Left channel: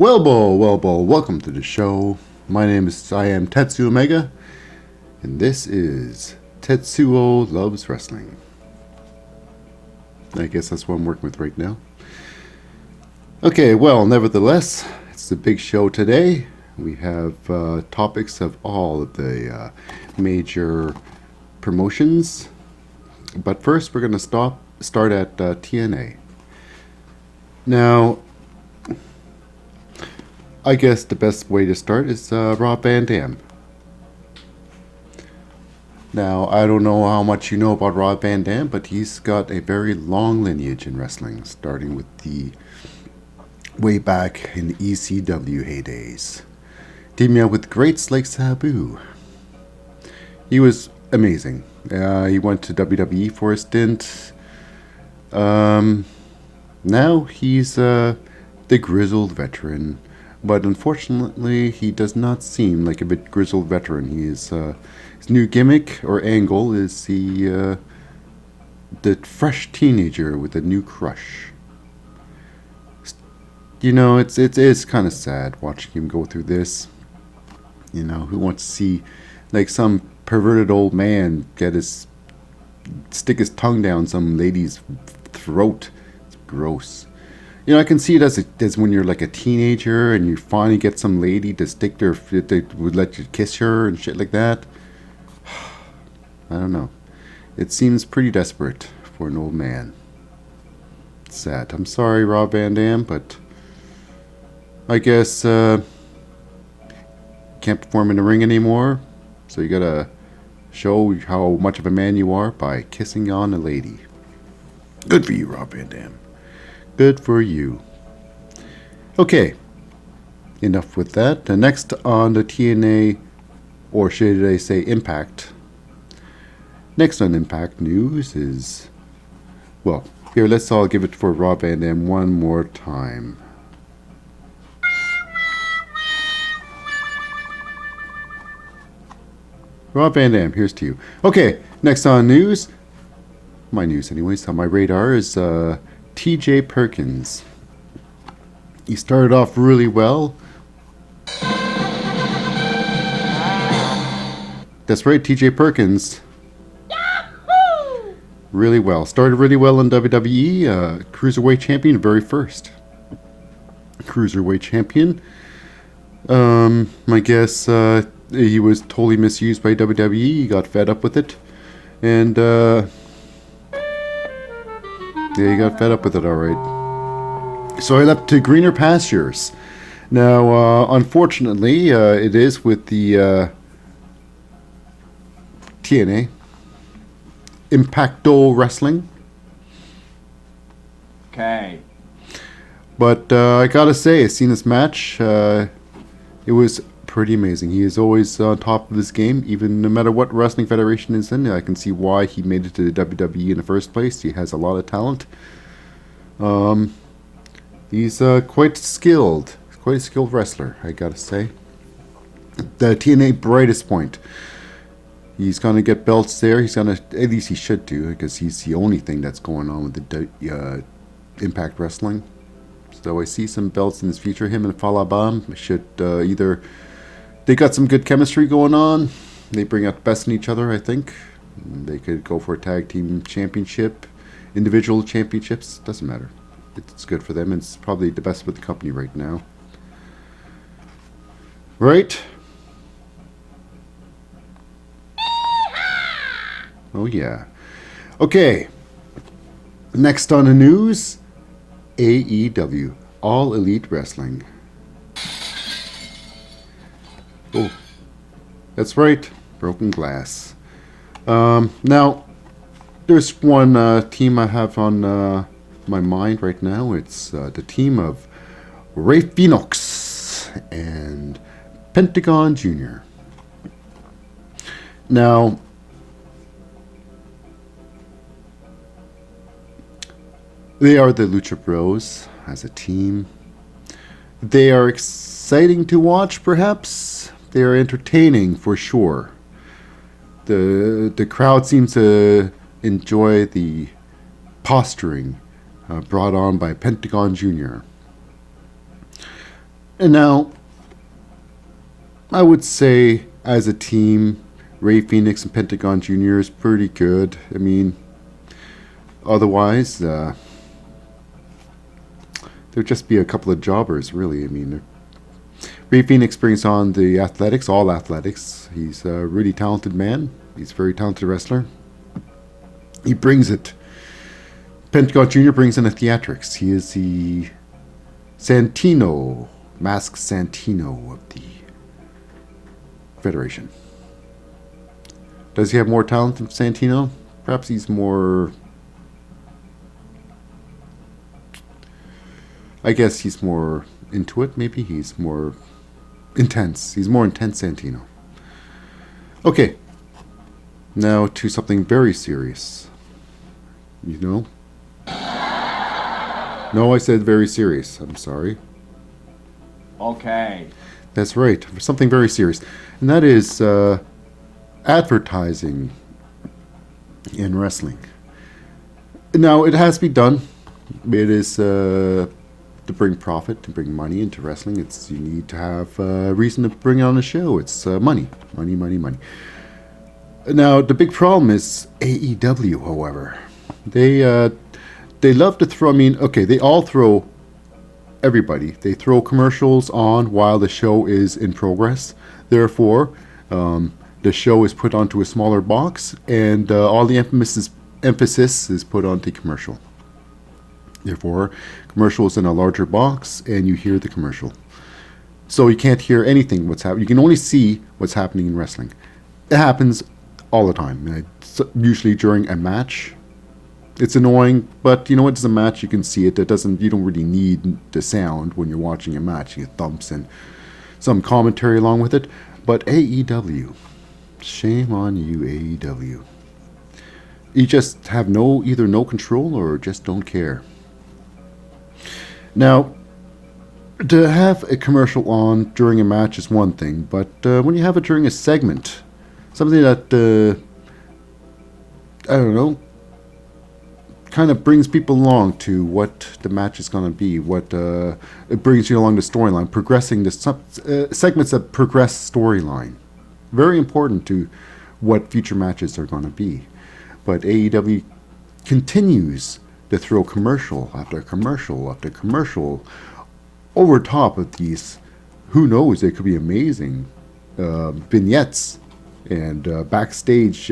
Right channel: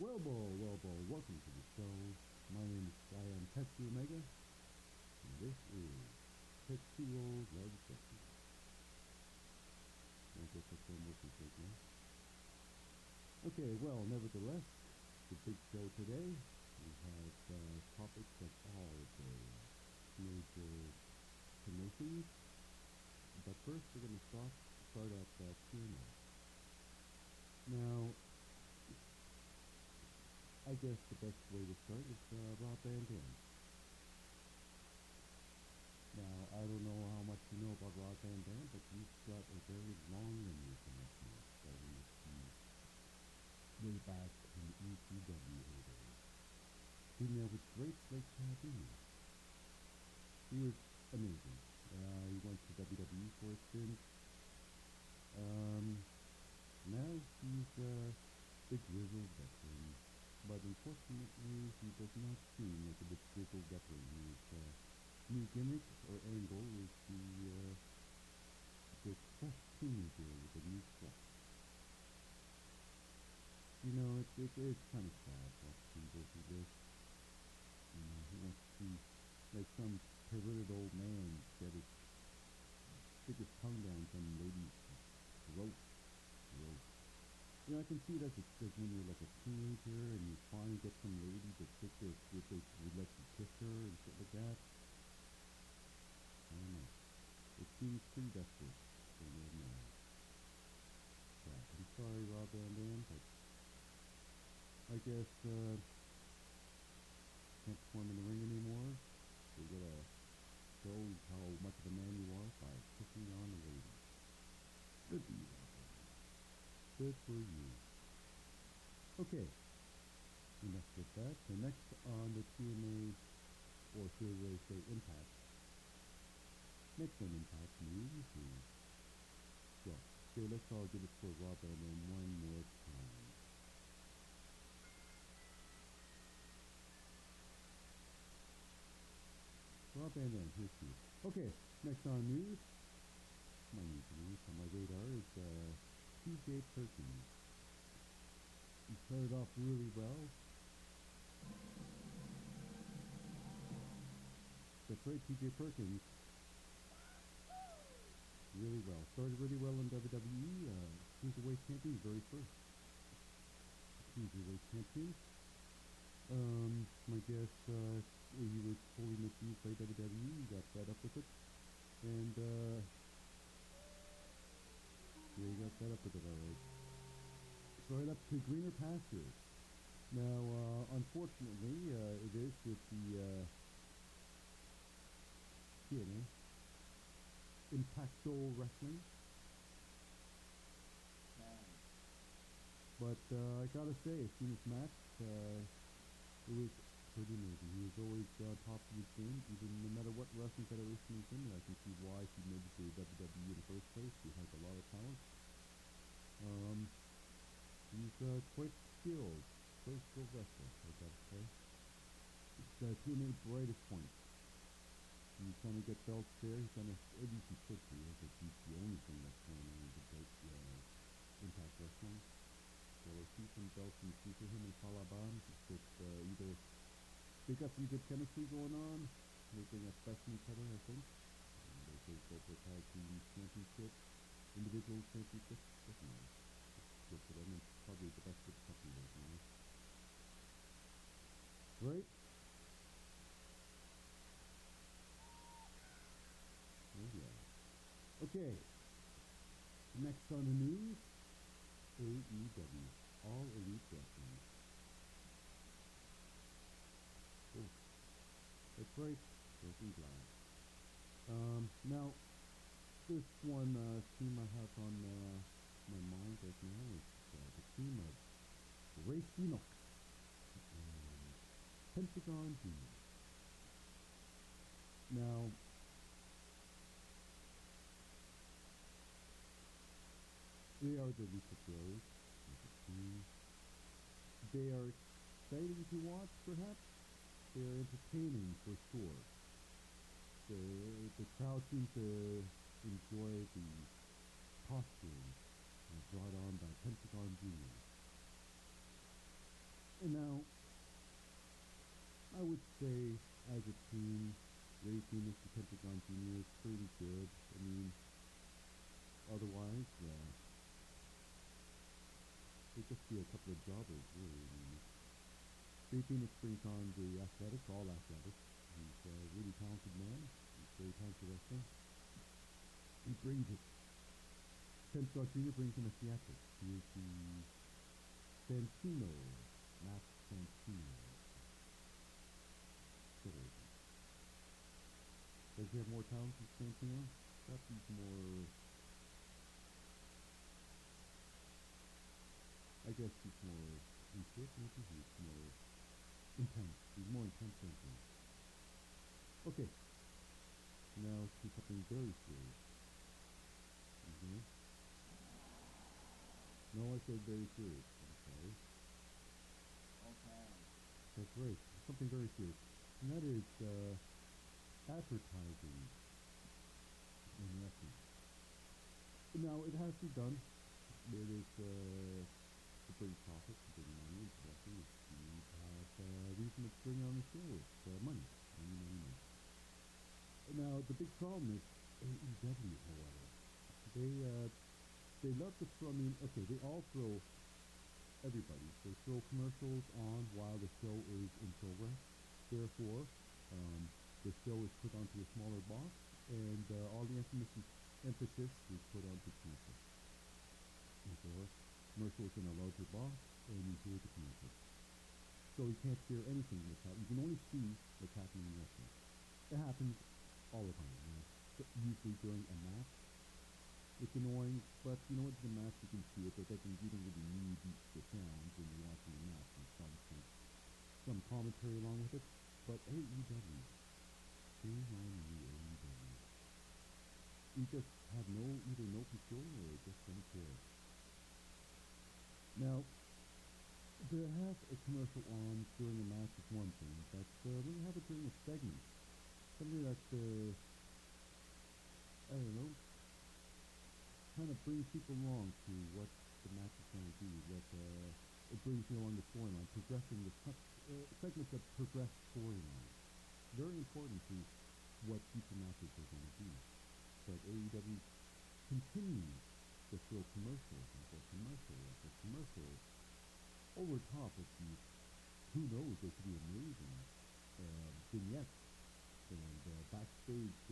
Welcome to the show. I am Tetsuo Omega, and this is Tetsuo Loves Wrestling. I guess that's what I'm working with right now. Okay, well, nevertheless, it's a big show today. We have topics of all of the major promotions. But first, we're going to start at TNA. Now, I guess the best way to start is Rob Van Dam. Now, I don't know how much you know about Rob Van Dam, but he's got a very long lineage in wrestling, starting with the way back in the ECW heydays. Teaming up with greats like Sabu. He was amazing. He went to WWE for a stint. Now he's the grizzled veteran. But unfortunately, he does not seem like a bit grizzled veteran. He is his new gimmick or angle is the fresh teenager with a new crush. You know, it's kind of sad watching him go through this. You know, who wants to see like some perverted old man stick his tongue down some lady's throat? It's gross. You know, I can see it as when you're like a teenager and you finally get some lady to they would let you kiss her and shit like that. I don't know. It seems pretty desperate for an old man. It's sad. I'm sorry, Rob Van Dam, but I guess can't perform in the ring anymore. So you gotta show how much of a man you are by kissing on a lady. Good for you, Rob Van Dam. Good for you. Okay, enough with that. Next on the TNA, or should I say Impact. Next on Impact news is, well, here, let's all give it for Rob Van Dam one more time. Rob Van Dam, here's to you. Okay, next on news, my news anyways, on my radar is TJ Perkins. He started off really well. That's right, TJ Perkins. Yahoo! Really well. Started really well in WWE. Cruiserweight champion, very first. Cruiserweight champion. I guess he was totally misused by WWE. He got fed up with it. And yeah, he got fed up with it, alright. So I left to greener pastures. Now, unfortunately, it is with the TNA. Impacto Wrestling. Okay. But I gotta say, I've seen this match. It was pretty amazing. He is always on top of his game, even no matter what wrestling federation is in. I can see why he made it to the WWE in the first place. He has a lot of talent. He's quite skilled. Quite a skilled wrestler, I gotta say. The TNA brightest point. He's gonna get belts there. He's gonna, at least he should do, because he's the only thing that's going on with the Impact Wrestling. So I see some belts in his future. Him and Falabam should either... They got some good chemistry going on. They bring out the best in each other, I think. They could go for a tag team championship. Individual championships. Doesn't matter. It's good for them. It's probably the best with the company right now. Right? Oh, yeah. Okay. Next on the news, AEW, All Elite Wrestling. Oh, that's right, Broken Glass. Now, there's one team I have on my mind right now. It's the team of Ray Phoenix and Pentagon Jr. Now, they are the Lucha Bros as a team. They are exciting to watch, perhaps. They are entertaining for sure. The crowd seems to enjoy the posturing brought on by Pentagon Jr. And now, I would say, as a team, Ray Phoenix and Pentagon Jr. is pretty good. I mean, otherwise, there'd just be a couple of jobbers, really. I mean, Ray Phoenix brings on the athletics, all athletics. He's a really talented man. He's a very talented wrestler. He brings it. Pentagon Jr. brings in the theatrics. He is the Santino, masked Santino of the Federation. Does he have more talent than Santino? Perhaps he's more... I guess he's more into it, maybe. He's more intense. He's more intense Santino. Okay. Now to something very serious. You know? No, I said very serious. I'm sorry. Okay. That's right. Something very serious. And that is advertising in wrestling. Now, it has to be done. It is to bring profit, to bring money into wrestling. You need to have a reason to bring on a show. It's money. Money, money, money. Now, the big problem is AEW, however. They love to throw, I mean, okay, they all throw everybody. They throw commercials on while the show is in progress. Therefore, the show is put onto a smaller box, and all the emphasis is put onto commercial. Therefore, commercial is in a larger box, and you hear the commercial. So you can't hear anything what's happening. You can only see what's happening in wrestling. It happens all the time. It's usually during a match. It's annoying, but you know what? It's a match. You can see it. You don't really need the sound when you're watching a match. You get thumps and some commentary along with it. But AEW, shame on you, AEW. You just have either no control or just don't care. Now, to have a commercial on during a match is one thing, but when you have it during a segment, something that, I don't know, kind of brings people along to what the match is going to be, it brings you along the storyline, progressing the segments that progress storyline. Very important to what future matches are going to be. But AEW continues to throw commercial after commercial after commercial over top of these, who knows, they could be amazing vignettes and backstage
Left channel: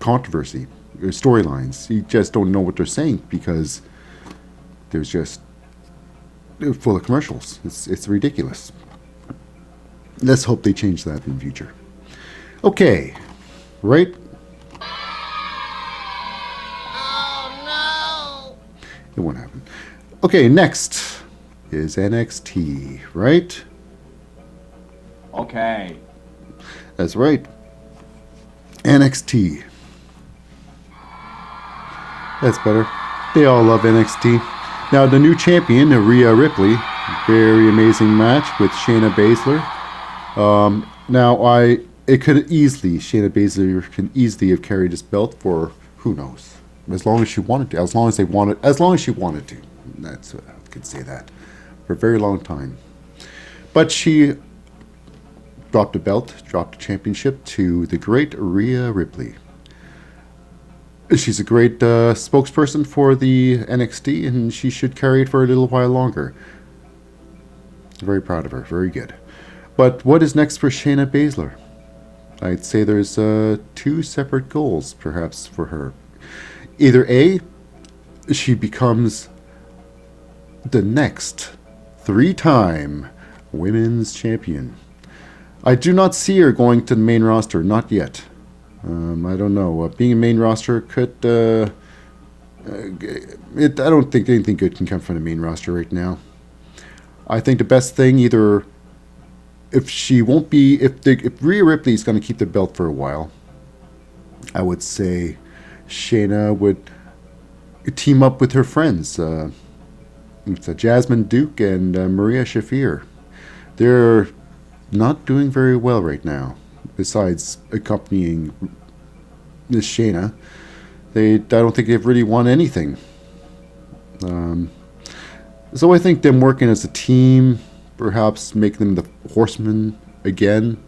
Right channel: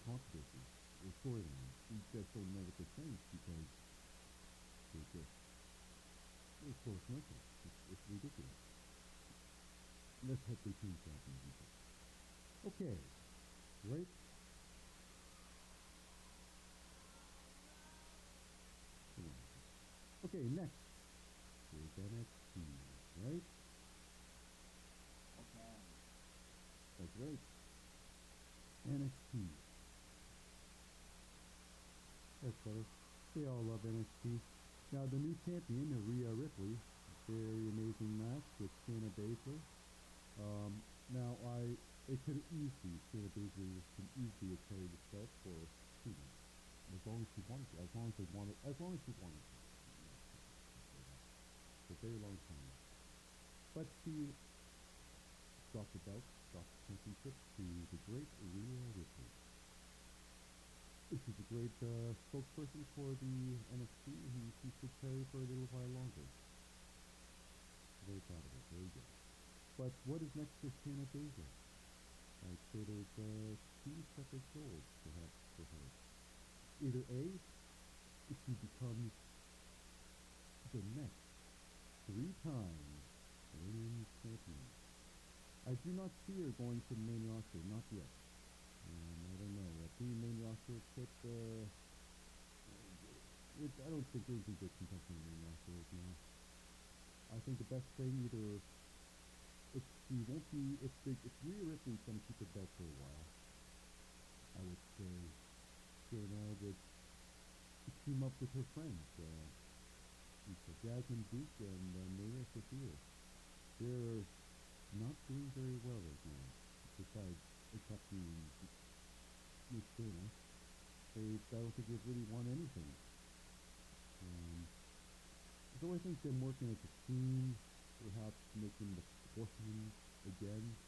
controversy. Storylines. You just don't know what they're saying because they're full of commercials. It's ridiculous. Let's hope they change that in the future. Okay, right? Oh no! It won't happen. Okay, next is NXT, right? Okay. That's right. NXT. That's better. They all love NXT. Now, the new champion, Rhea Ripley, very amazing match with Shayna Baszler. Shayna Baszler can easily have carried this belt for, who knows, as long as she wanted to, as long as she wanted to. That's, I could say that, for a very long time. But she dropped the championship to the great Rhea Ripley. She's a great spokesperson for the NXT, and she should carry it for a little while longer. Very proud of her. Very good. But what is next for Shayna Baszler? I'd say there's two separate goals, perhaps, for her. Either A, she becomes the next 3-time women's champion. I do not see her going to the main roster, not yet. I don't know. Being a main roster could... I don't think anything good can come from the main roster right now. I think the best thing, either... If Rhea Ripley is going to keep the belt for a while, I would say Shayna would team up with her friends. It's Jasmine Duke and Maria Shafir. They're not doing very well right now. Besides accompanying Miss Shayna, I don't think they've really won anything. So I think them working as a team, perhaps make them the horsemen again,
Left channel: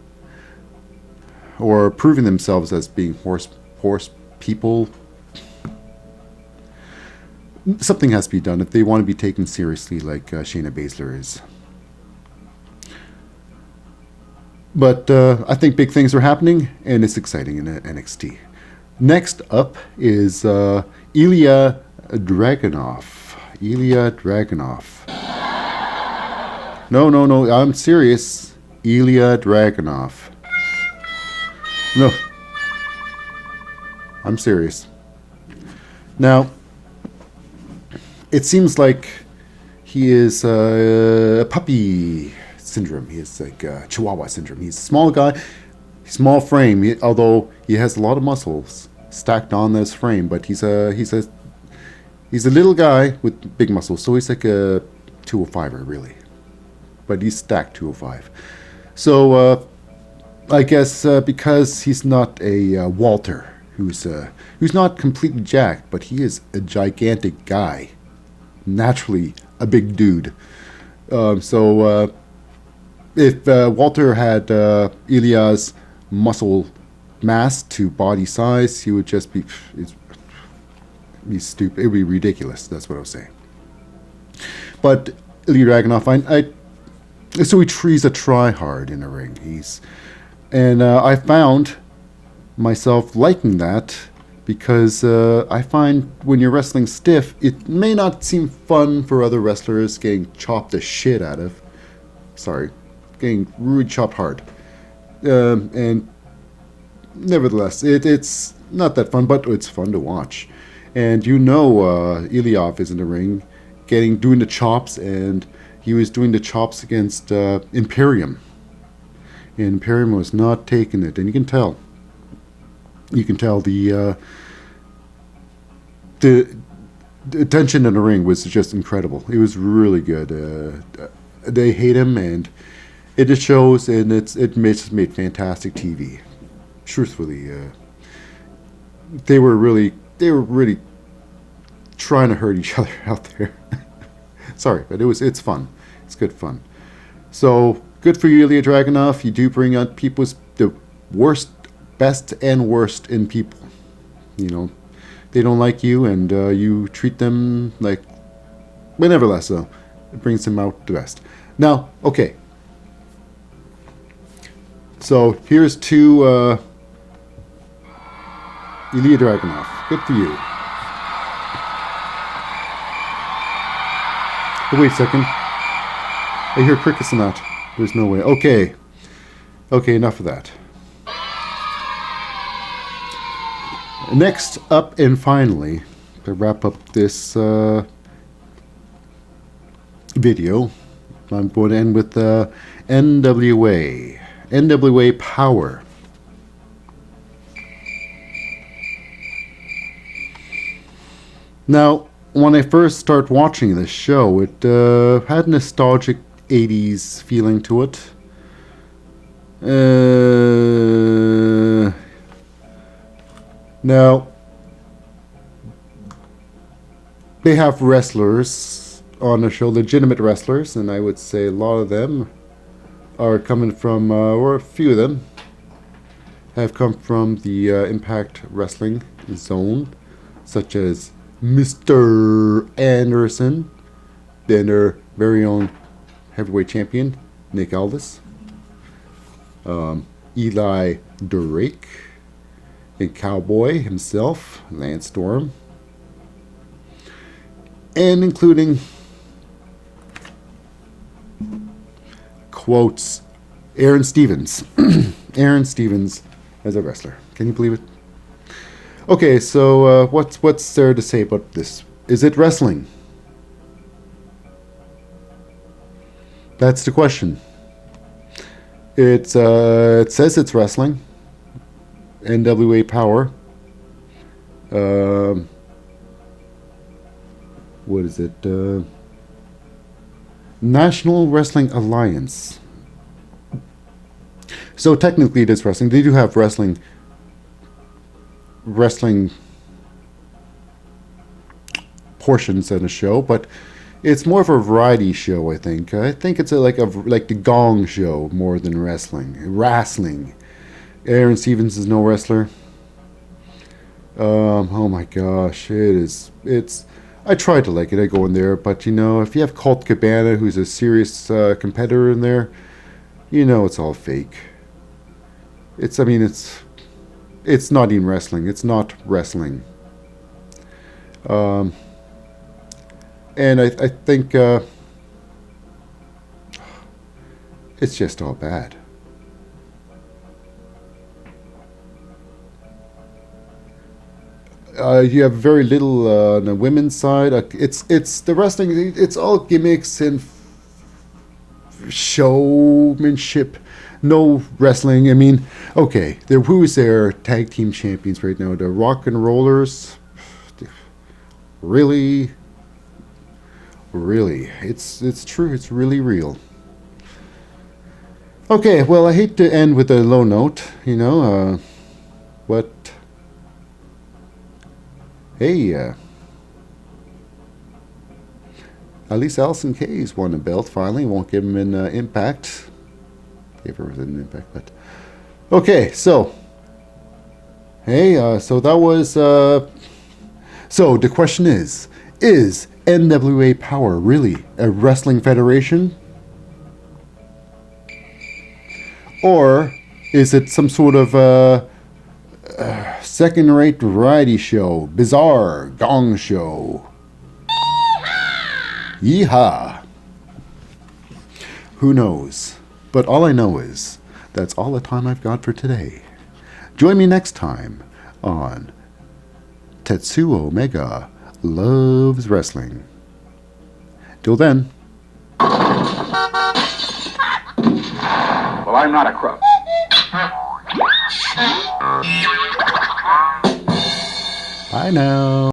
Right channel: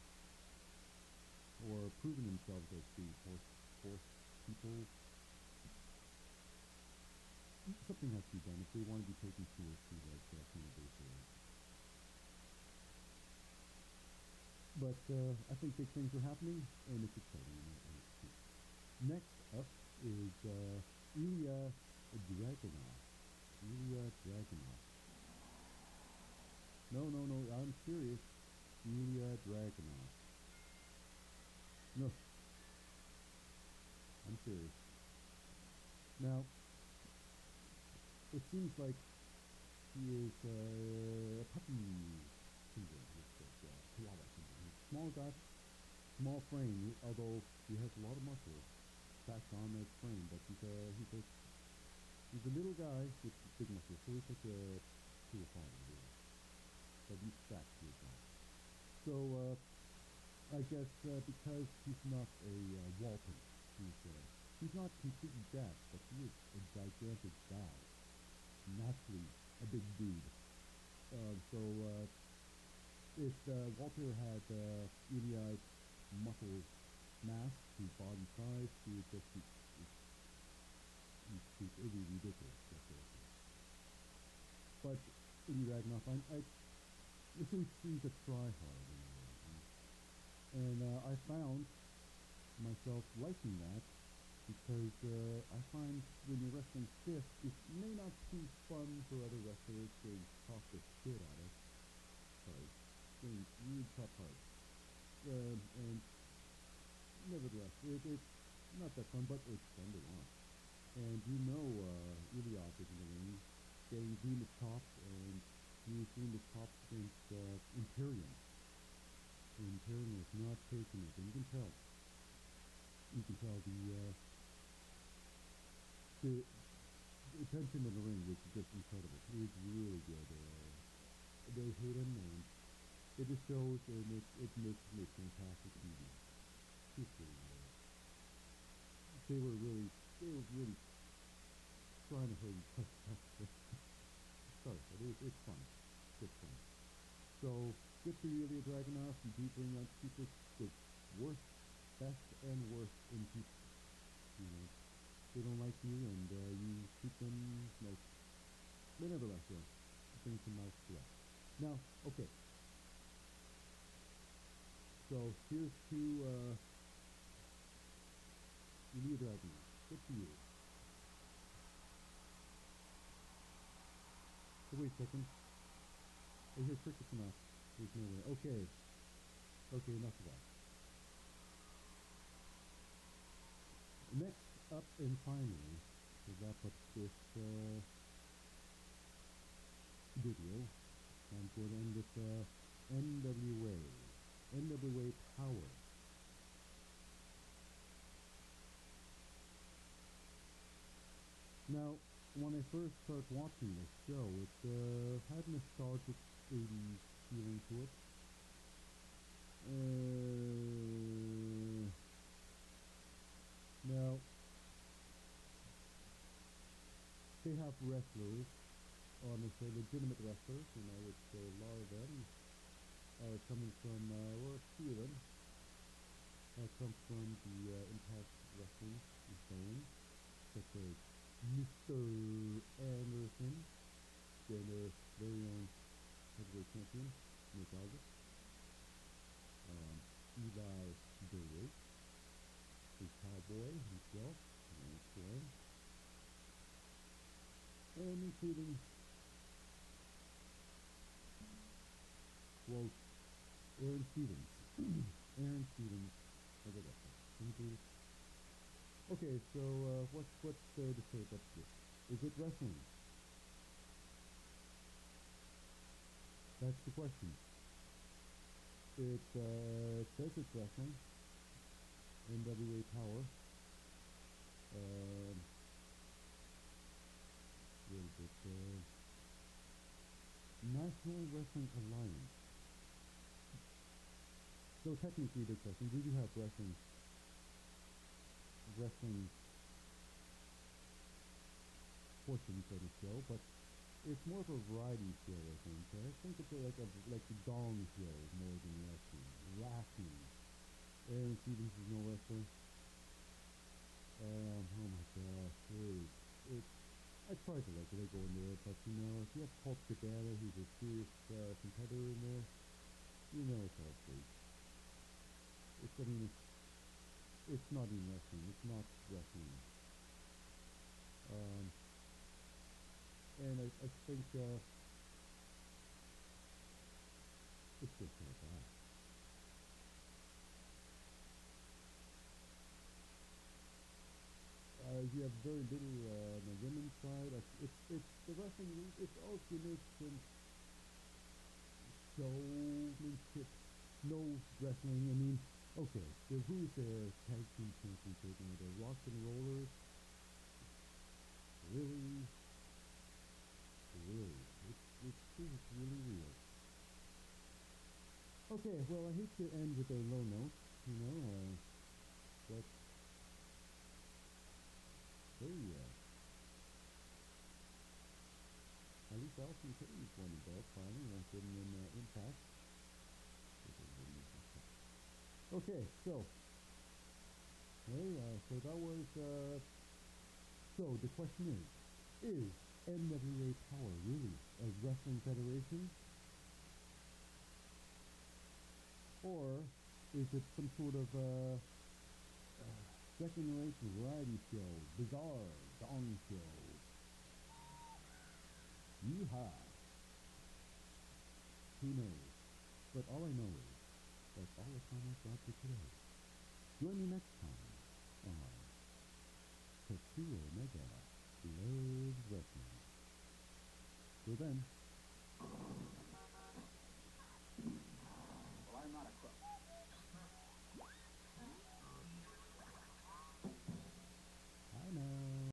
or proving themselves as being horse people. Something has to be done if they want to be taken seriously, like Shayna Baszler is. But I think big things are happening, and it's exciting in NXT. Next up is Ilya Dragunov. Ilya Dragunov. No, I'm serious. Ilya Dragunov. No. I'm serious. Now, it seems like he is a puppy syndrome. He is like Chihuahua syndrome. He's a small guy, small frame, although he has a lot of muscles stacked on this frame, but he's a little guy with big muscles, so he's like a 205er, really. But he's stacked 205. So I guess because he's not a Walter, who's not completely jacked, but he is a gigantic guy, naturally a big dude. So if Walter had Ilya's muscle mass to body size, he would just be stupid. It would be ridiculous. That's what I was saying. But Ilya Dragunov, so he's a try-hard in a ring. I found myself liking that because I find when you're wrestling stiff, it may not seem fun for other wrestlers getting chopped the shit out of. Sorry, getting really chopped hard. And nevertheless, it's not that fun, but it's fun to watch. And Ilya is in the ring, doing the chops, and he was doing the chops against Imperium. And Imperium was not taking it, and you can tell. You can tell the tension in the ring was just incredible. It was really good. They hate him, and it just shows, and it made fantastic TV. Truthfully, they were really trying to hurt each other out there. Sorry, but it's fun. It's good fun. So good for you, Ilya Dragunov. You do bring out the best and worst in people. They don't like you, and you treat them like, but nevertheless, though, it brings them out the best. Now, okay. So here's to Ilya Dragunov. Good for you. Oh, wait a second. I hear crickets in that. There's no way. Okay, enough of that. Next up, and finally, to wrap up this video, I'm going to end with NWA Power. Now, when I first started watching this show, it had a nostalgic 80s feeling to it. Now, they have wrestlers on the show, legitimate wrestlers, and I would say a lot of them are coming from, or a few of them have come from the Impact Wrestling zone, such as Mr. Anderson, then their very own heavyweight champion, Nick Aldis, Eli Drake, and Cowboy himself, Lance Storm, and including, quotes, Aaron Stevens. Aaron Stevens as a wrestler. Can you believe it? Okay, so what's there to say about this? Is it wrestling? That's the question. It says it's wrestling. NWA Power. What is it? National Wrestling Alliance. So technically it is wrestling. They do have wrestling portions in the show, but It's more of a variety show, I think. I think it's like the Gong Show more than wrestling. Wrestling. Aaron Stevens is no wrestler. Oh my gosh, it is. It's. I try to like it. I go in there, but if you have Colt Cabana, who's a serious competitor in there, it's all fake. It's. I mean, it's. It's not even wrestling. It's not wrestling. Um, and I think it's just all bad. You have very little on the women's side. It's the wrestling. It's all gimmicks and showmanship. No wrestling. I mean, okay, who's their tag team champions right now? The Rock and Rollers. Really, really, it's true. It's really real. Okay, well, I hate to end with a low note. But hey, at least Allison K's won a belt finally. Won't give him an Impact. Gave her an Impact, but okay. So hey, so that was. So the question is NWA Power really a wrestling federation, or is it some sort of second-rate variety show, bizarre gong show? Yeehaw! Who knows? But all I know is that's all the time I've got for today. Join me next time on Tetsuo Omega Loves Wrestling. Till then. Well, I'm not a crook. Bye now.